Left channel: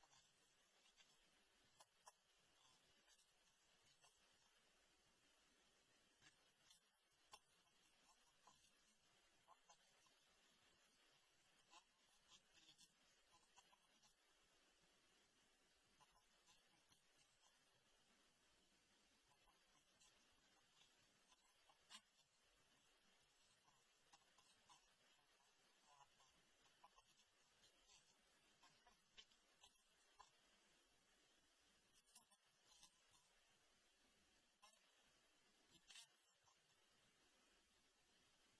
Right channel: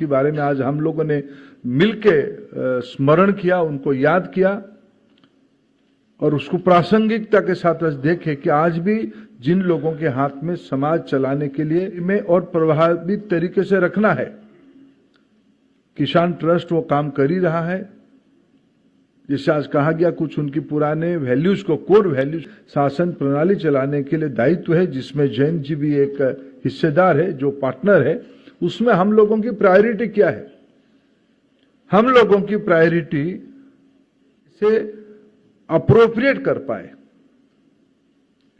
जिसके बारे में आज हम लोगों ने मिलके स्मरण किया, उनको याद किया और उसको प्रासंगिकता के साथ देखे कि आज भी जिन लोगों के हाथ में समाज चलाने के लिए में और प्रभावी तरीके से रखना है, किसान ट्रस्ट वो काम कर ही रहा है। जैसे आज कहा गया, कुछ उनकी पुराने वैल्यूज को, कोर वैल्यूज, शासन प्रणाली चलाने के लिए दायित्व है, जिसमें जैन जी भी एक हिस्सेदार है, जो पार्टनर है। उसमें हम लोगों की प्रायोरिटी क्या है? हम लोगों की प्रायोरिटी से अप्रोप्रिएट कर पाए,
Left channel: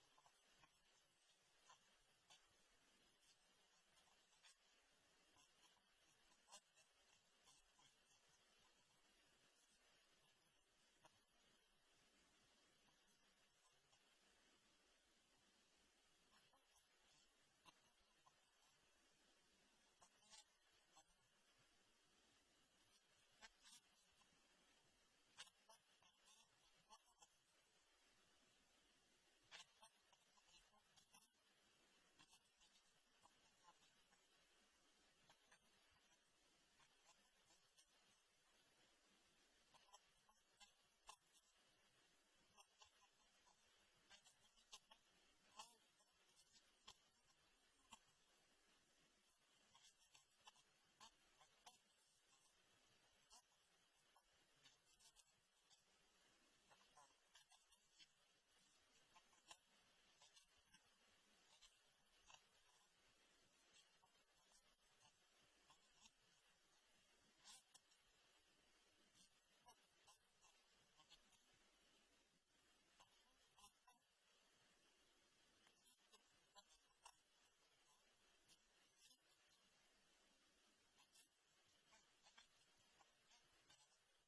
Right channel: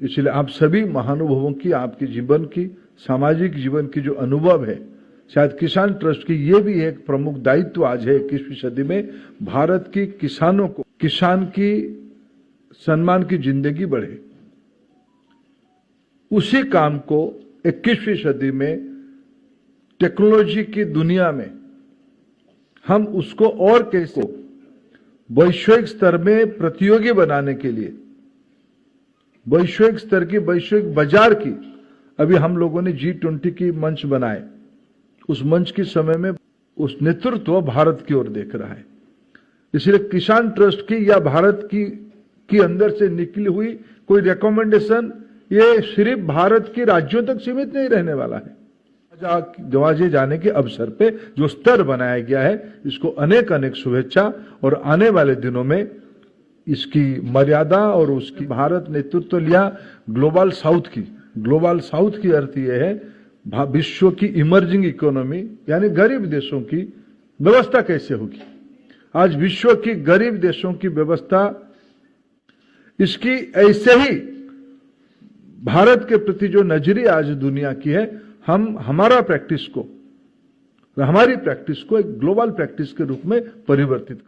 इसलिए आप सभी महानुभावों की, आपके जीवन की, सामाजिक जीवन की जो अनुभव है, शायद किसान ट्रस्ट की ये भी एक प्रमुख दायित्व आज है 21वीं सदी में, भारत की किसानों को, किसान की सम्मान की जिंदगी बढ़े। उसी काम को 21वीं सदी में टेक्नोलॉजी की दुनिया में हम उसको और कैसे वैश्विक स्तर में प्रतियोगी बनाने के लिए, वैश्विक स्तर की, वैश्विक बाजार की, अभी हम लोगों ने G20 की मंच बनाए। उस मंच के समय में उस नेतृत्व भारत की ओर देख रहा है। इसलिए किसान ट्रस्ट की या भारत की अंदर से निकली हुई कोई रिकमेंडेशन ये सिर्फ भारत के राज्यों तक सीमित नहीं रहने वाला है। दरवाजे जाने के अवसर पे जो स्तर बनाया गया है, इसको अनेक अनेक शुभेच्छा और आने वाले दिनों में इसकी मर्यादा और उसकी भारत नेतृत्व लिया ग्लोबल साउथ की अर्थ यह है विश्व की इमर्जिंग इकोनॉमी, यानी गरीब देशों की व्यवस्था कैसे होगी। आज विश्व की गरीब देशों की व्यवस्था, इसकी ऐसे ही भारत के प्रति जो नजरिया आज दुनिया की है, हम हमारी प्रैक्टिस को एक ग्लोबल प्रैक्टिस के रूप में परिवर्तित।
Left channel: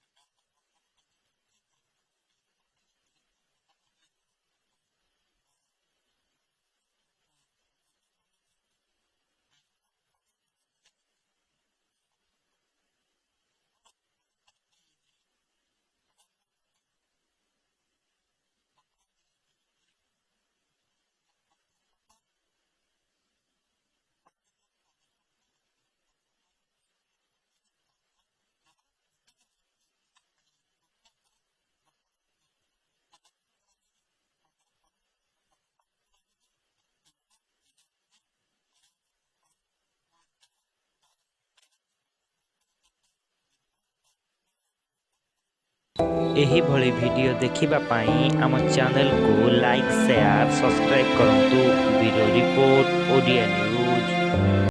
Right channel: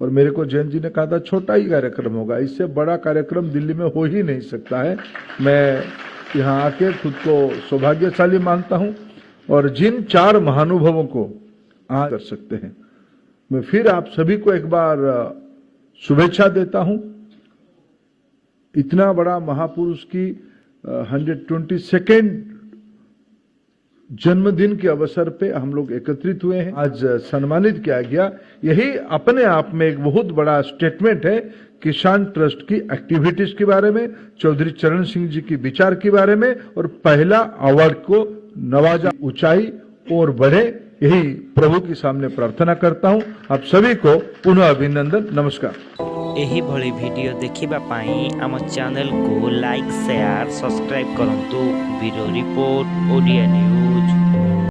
और मेरे को जैन जी ने कहा था छोटा ही कार्यक्रम होगा, इससे बड़ा कार्यक्रम दिल्ली में हो ही नहीं सकता है। मैं यहाँ आके खुद को सौभाग्यशाली मानता हूँ और जिन 4 महानुभावों को आज कर सकते हैं, मैं फिर आप सभी को एक बार शुभेच्छा देता हूँ। इतना बड़ा महापुरुष की 122nd जन्मदिन के अवसर पे हम लोग एकत्रित हुए हैं, आज सम्मानित किया गया। यही अपने आप में एक बहुत बड़ा स्टेटमेंट है किसान ट्रस्ट की एक्टिविटीज के बारे में, चौधरी चरण सिंह जी की विचार के बारे में, और पहला अवार्ड को नवाजा ऊंचाई और बढ़े, यही प्रभु के सामने प्रार्थना करता हूं। आप सभी को पुनः अभिनंदन, नमस्कार। यही भली वीडियो देखिबा पाई आम चैनल को लाइक, शेयर, सब्सक्राइब करंतु। Bureau report, Odia news.